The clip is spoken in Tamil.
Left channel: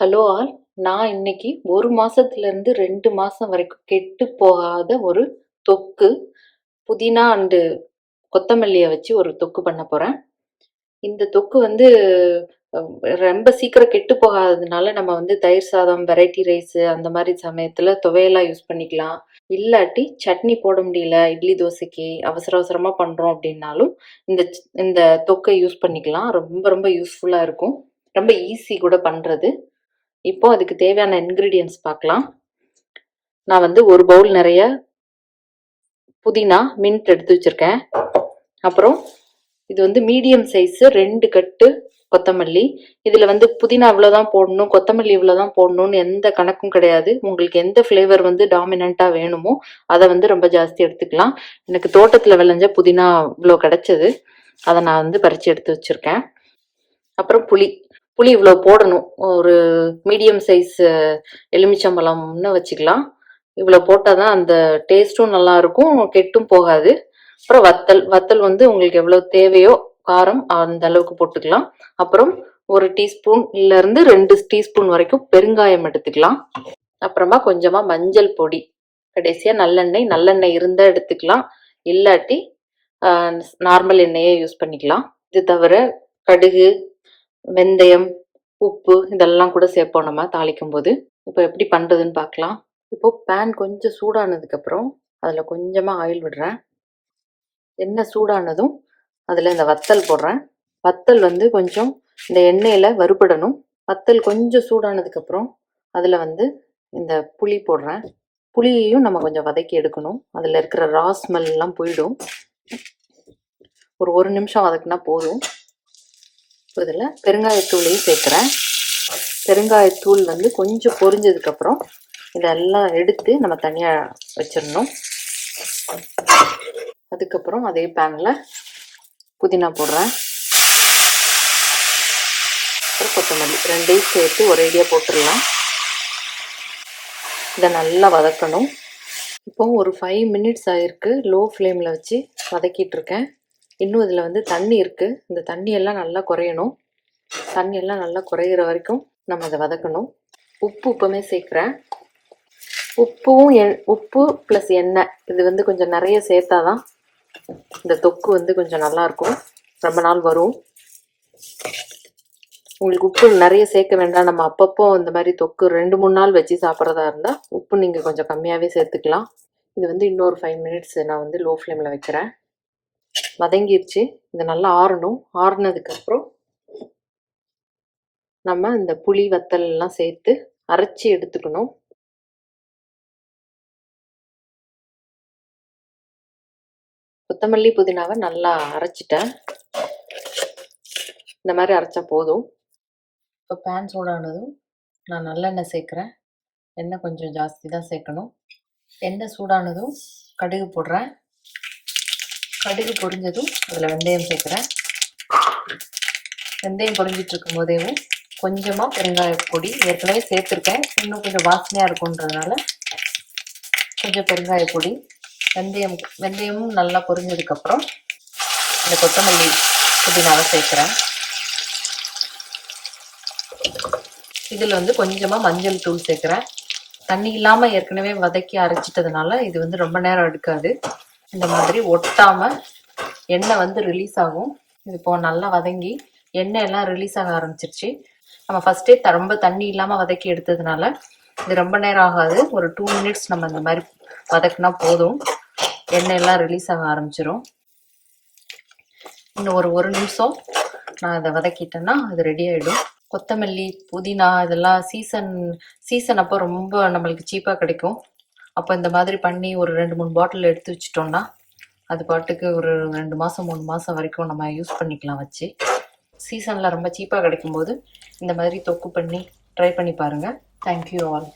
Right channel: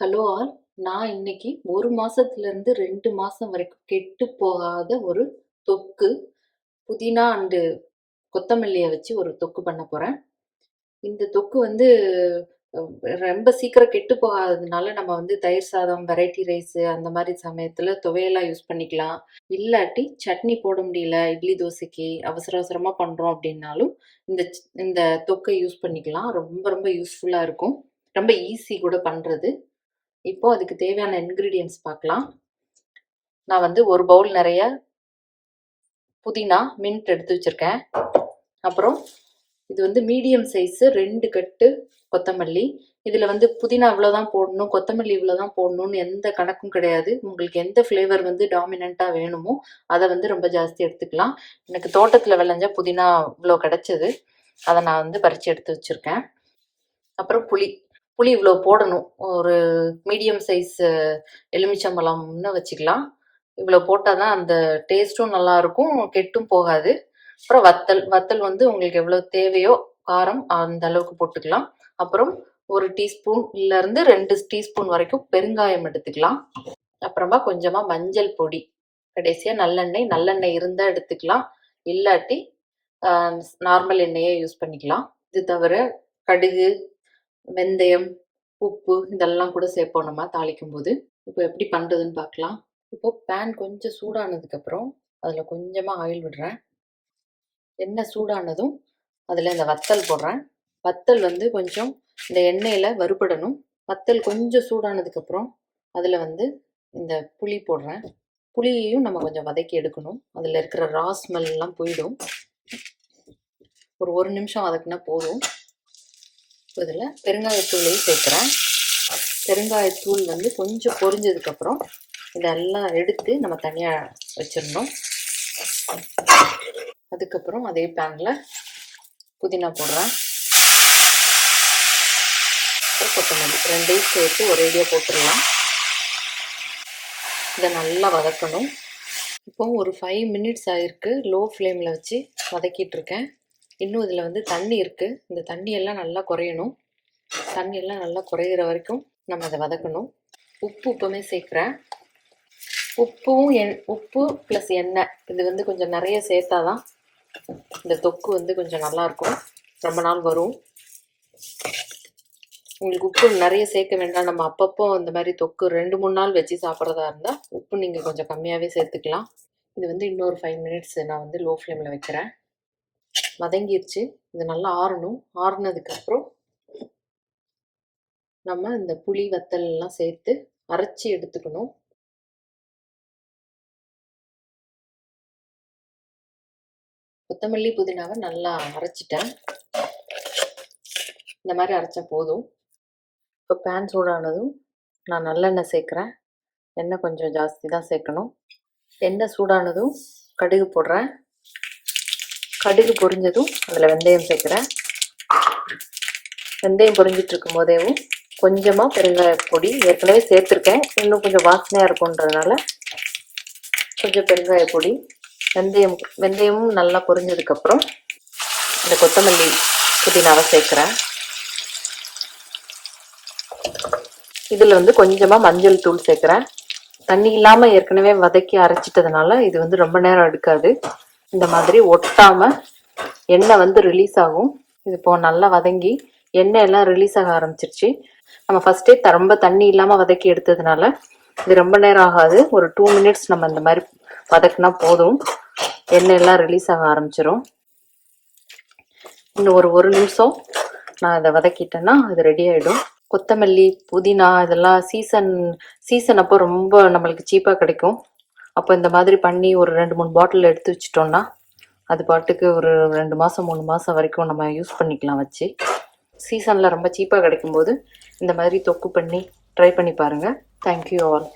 Hello all. நான் இன்னைக்கு 1 மாசத்துலேருந்து 2 மாசம் வரைக்கும் கெட்டு போகாத ஒரு தொக்கு, புதினா அண்டு கொத்தமல்லிய வச்சு ஒரு தொக்கு பண்ண போறேன். இந்த தொக்கு வந்து அ ரொம்ப சீக்கிரம் கெட்டு போகாததுனால, நம்ம வந்து தயிர் சாதம், வெரைட்டி ரைஸு அந்த மாரி சமயத்துல துவையலா யூஸ் பண்ணிக்கலாம். இல்லாட்டி சட்னி போட முடியல, இட்லி, தோசைக்கு அவசர அவசரமா பண்றோம் அப்டின்னாலும், இந்த தொக்க யூஸ் பண்ணிக்கலாம். ரொம்ப ரொம்ப யூஸ்ஃபுல்லா இருக்கும். ரொம்ப ஈஸி கூட பண்றது. இப்போ அதுக்கு தேவையான இன்கிரீடியன்ட்ஸ் பார்க்கலாம். நான் வந்து 1 பவுல் நிறைய புதினா, மின்ட் எடுத்து வச்சிருக்கேன். அப்புறம் இது வந்து மீடியம் சைஸ் 2 கட்டு கொத்தமல்லி. இதுல வந்து புதினா இவ்வளவுதான் போடணும், கொத்தமல்லி இவ்வளவுதான் போடணும்னு எந்த கணக்கும் கிடையாது. உங்களுக்கு எந்த ஃப்ளேவர் வந்து டாமினன்ட்டா வேணுமோ அதை வந்து ரொம்ப ஜாஸ்தி எடுத்துக்கலாம். எனக்கு தோட்டத்துல விளைஞ்ச புதினா இவ்வளோ கிடைச்சது. அதை நான் வந்து பறிச்சு எடுத்து வச்சிருக்கேன். அப்புறம் புளி இவ்வளோ போடணும். ஒரு மீடியம் சைஸ் எலுமிச்சம்பழம்னு வச்சுக்கலாம். இவ்வளோ போட்டால் தான் அந்த டேஸ்ட்டும் நல்லா இருக்கும், கெட்டும் போகாது. அப்புறம் வத்தல் வந்து உங்களுக்கு எவ்வளோ தேவையோ காரம் அந்த அளவுக்கு போட்டுக்கலாம். அப்புறம் 1 டீஸ்பூன் இருந்து 2 டீஸ்பூன் வரைக்கும் பெருங்காயம் எடுத்துக்கலாம். அப்புறமா கொஞ்சமா மஞ்சள் பொடி, கடைசியா நல்லெண்ணெய் இருந்தா எடுத்துக்கலாம், இல்லாட்டி நார்மல் எண்ணெயே யூஸ் பண்ணிக்கலாம். இது தவிர கடுகு, வெந்தயம், உப்பு இதெல்லாம் கூட சேர்ப்போம் நம்ம தாளிக்கும் போது. இப்போ எப்படி பண்றதுன்னு பார்க்கலாம். இப்போ பேன் கொஞ்சம் சூடானதுக்கு அப்புறம் அதுல கொஞ்சமா ஆயில் விடுறேன். எண்ணெய் சூடானதும் அதுல இந்த வத்தல் போடுறேன். வத்தல் வந்து கொஞ்சம் இந்த எண்ணெயில வறுபடணும். வத்தல் கொஞ்சம் சூடானதுக்கு அப்புறம் அதுல வந்து இந்த புளி போடுறேன். புளியையும் நம்ம கொஞ்சம் வதக்கி எடுக்கணும். அதுல இருக்கிற ரா ஸ்மெல் எல்லாம் போயிடும். ஒரு நிமிஷம் வதக்குனா போதும். இதில் பெருங்காயத்தூளையும் சேர்க்குறேன். பெருங்காயத்தூள் வந்து கொஞ்சம் பொரிஞ்சதுக்கப்புறம் இதெல்லாம் எடுத்து நம்ம தனியாக வச்சிடணும். அதுக்கப்புறம் அதே பேனில் புதினா போடுறேன். அப்புறம் கொத்தமல்லி ரெண்டையும் சேர்த்து ஒரேடியாக போட்டுடலாம். இதை நல்லா வதக்கணும். இப்போ ஒரு 5 மினிட்ஸ் ஆயிருக்கு. லோ ஃப்ளேமில் வச்சு வதக்கிட்டு இருக்கேன். இன்னும் இதில் வந்து தண்ணி இருக்குது. இந்த தண்ணியெல்லாம் நல்லா குறையணும். தண்ணியெல்லாம் நல்லா குறையிற வரைக்கும் நம்ம அதை வதக்கணும். உப்புமே சேர்க்குறேன். உப்பு ப்ளஸ் எண்ணெய் இது வந்து கொஞ்சம் நிறைய சேர்த்தாதான் இந்த தொக்கு வந்து கொஞ்சம் நல்லாயிருக்கும், ரொம்ப நாள் வரும். உங்களுக்கு உப்பு நிறைய சேர்க்க வேண்டாம். நம்ம அப்பப்போ இந்த மாதிரி தொக்கு 2-3 நாள் வச்சு சாப்பிட்றதா இருந்தால் உப்பு நீங்கள் கொஞ்சம் கம்மியாகவே சேர்த்துக்கலாம். இது வந்து இன்னொரு 5 மினிட்ஸ் நான் வந்து லோ ஃப்ளேமில் வைக்கிறேன். வதங்கிருச்சு. இது நல்லா ஆறணும். ஆறுனதுக்கப்புறம் நம்ம இந்த புளி வத்தல் எல்லாம் சேர்த்து அரைச்சி எடுத்துக்கணும். கொத்தமல்லி புதினாவை நல்லா அரைச்சிட்டேன். இந்த மாதிரி அரைச்சா போதும். இப்போ பேன் சூடானதும் நான் நல்லெண்ணெய் சேர்க்குறேன். எண்ணெய் கொஞ்சம் ஜாஸ்தி தான் சேர்க்கணும். எண்ணெய் சூடானதும் கடுகு போடுறேன். கடுகு பொரிஞ்சதும் அதில் வெந்தயம் சேர்க்குறேன். வெந்தயம் பொரிஞ்சிட்டு இருக்கும் போதேவும் கொஞ்சமாக பெருங்காய பொடி ஏற்கனவே சேர்த்துருக்கேன், இன்னும் கொஞ்சம் வாசனையாக இருக்குன்றதுனால கொஞ்சம் பெருங்காய பொடி. வெந்தயமும் நல்லா பொரிஞ்சதுக்கப்புறம் இந்த கொத்தமல்லி புதினாவை சேர்க்குறேன். இதில் வந்து கொஞ்சமாக மஞ்சள் தூள் சேர்க்குறேன். தண்ணி இல்லாமல் ஏற்கனவே வதக்கி அரைச்சிட்டதுனால இது வந்து ரொம்ப நேரம் எடுக்காது. இந்த மாதிரி ஒட்டாமல் எண்ணெய் வந்து ரிலீஸ் ஆகும். இது இப்போ நல்லா வதங்கி எண்ணெய் எல்லாம் ரிலீஸ் ஆக ஆரம்பிச்சிருச்சு. நம்ம ஃபர்ஸ்டே ரொம்ப தண்ணி இல்லாமல் வதக்கி எடுத்ததுனால இது ரொம்ப நேரம் ஆகாது. ஒரு 2 மினிட்ஸ் நம்ம இந்த மாதிரி வதக்குனா போதும். எண்ணெய் எல்லாம் ரிலீஸ் ஆக ஆரம்பிச்சிடும். இன்னும் ஒரு நிமிஷம் நான் அதை வதக்கிட்டேன்னா அது ரெடி ஆகிடும். கொத்தமல்லி புதினா இதெல்லாம் சீசன் அப்போ ரொம்ப நம்மளுக்கு சீப்பாக கிடைக்கும். அப்போ இந்த மாதிரி பண்ணி ஒரு 2-3 பாட்டில் எடுத்து வச்சிட்டோம்னா அது பாட்டுக்கு ஒரு 2 மாதம் 3 மாதம் வரைக்கும் நம்ம யூஸ் பண்ணிக்கலாம் வச்சு. சீசனில் ரொம்ப சீப்பாக கிடைக்கும்போது இந்த மாதிரி தொக்கு பண்ணி ட்ரை பண்ணி பாருங்கள். Thank you all.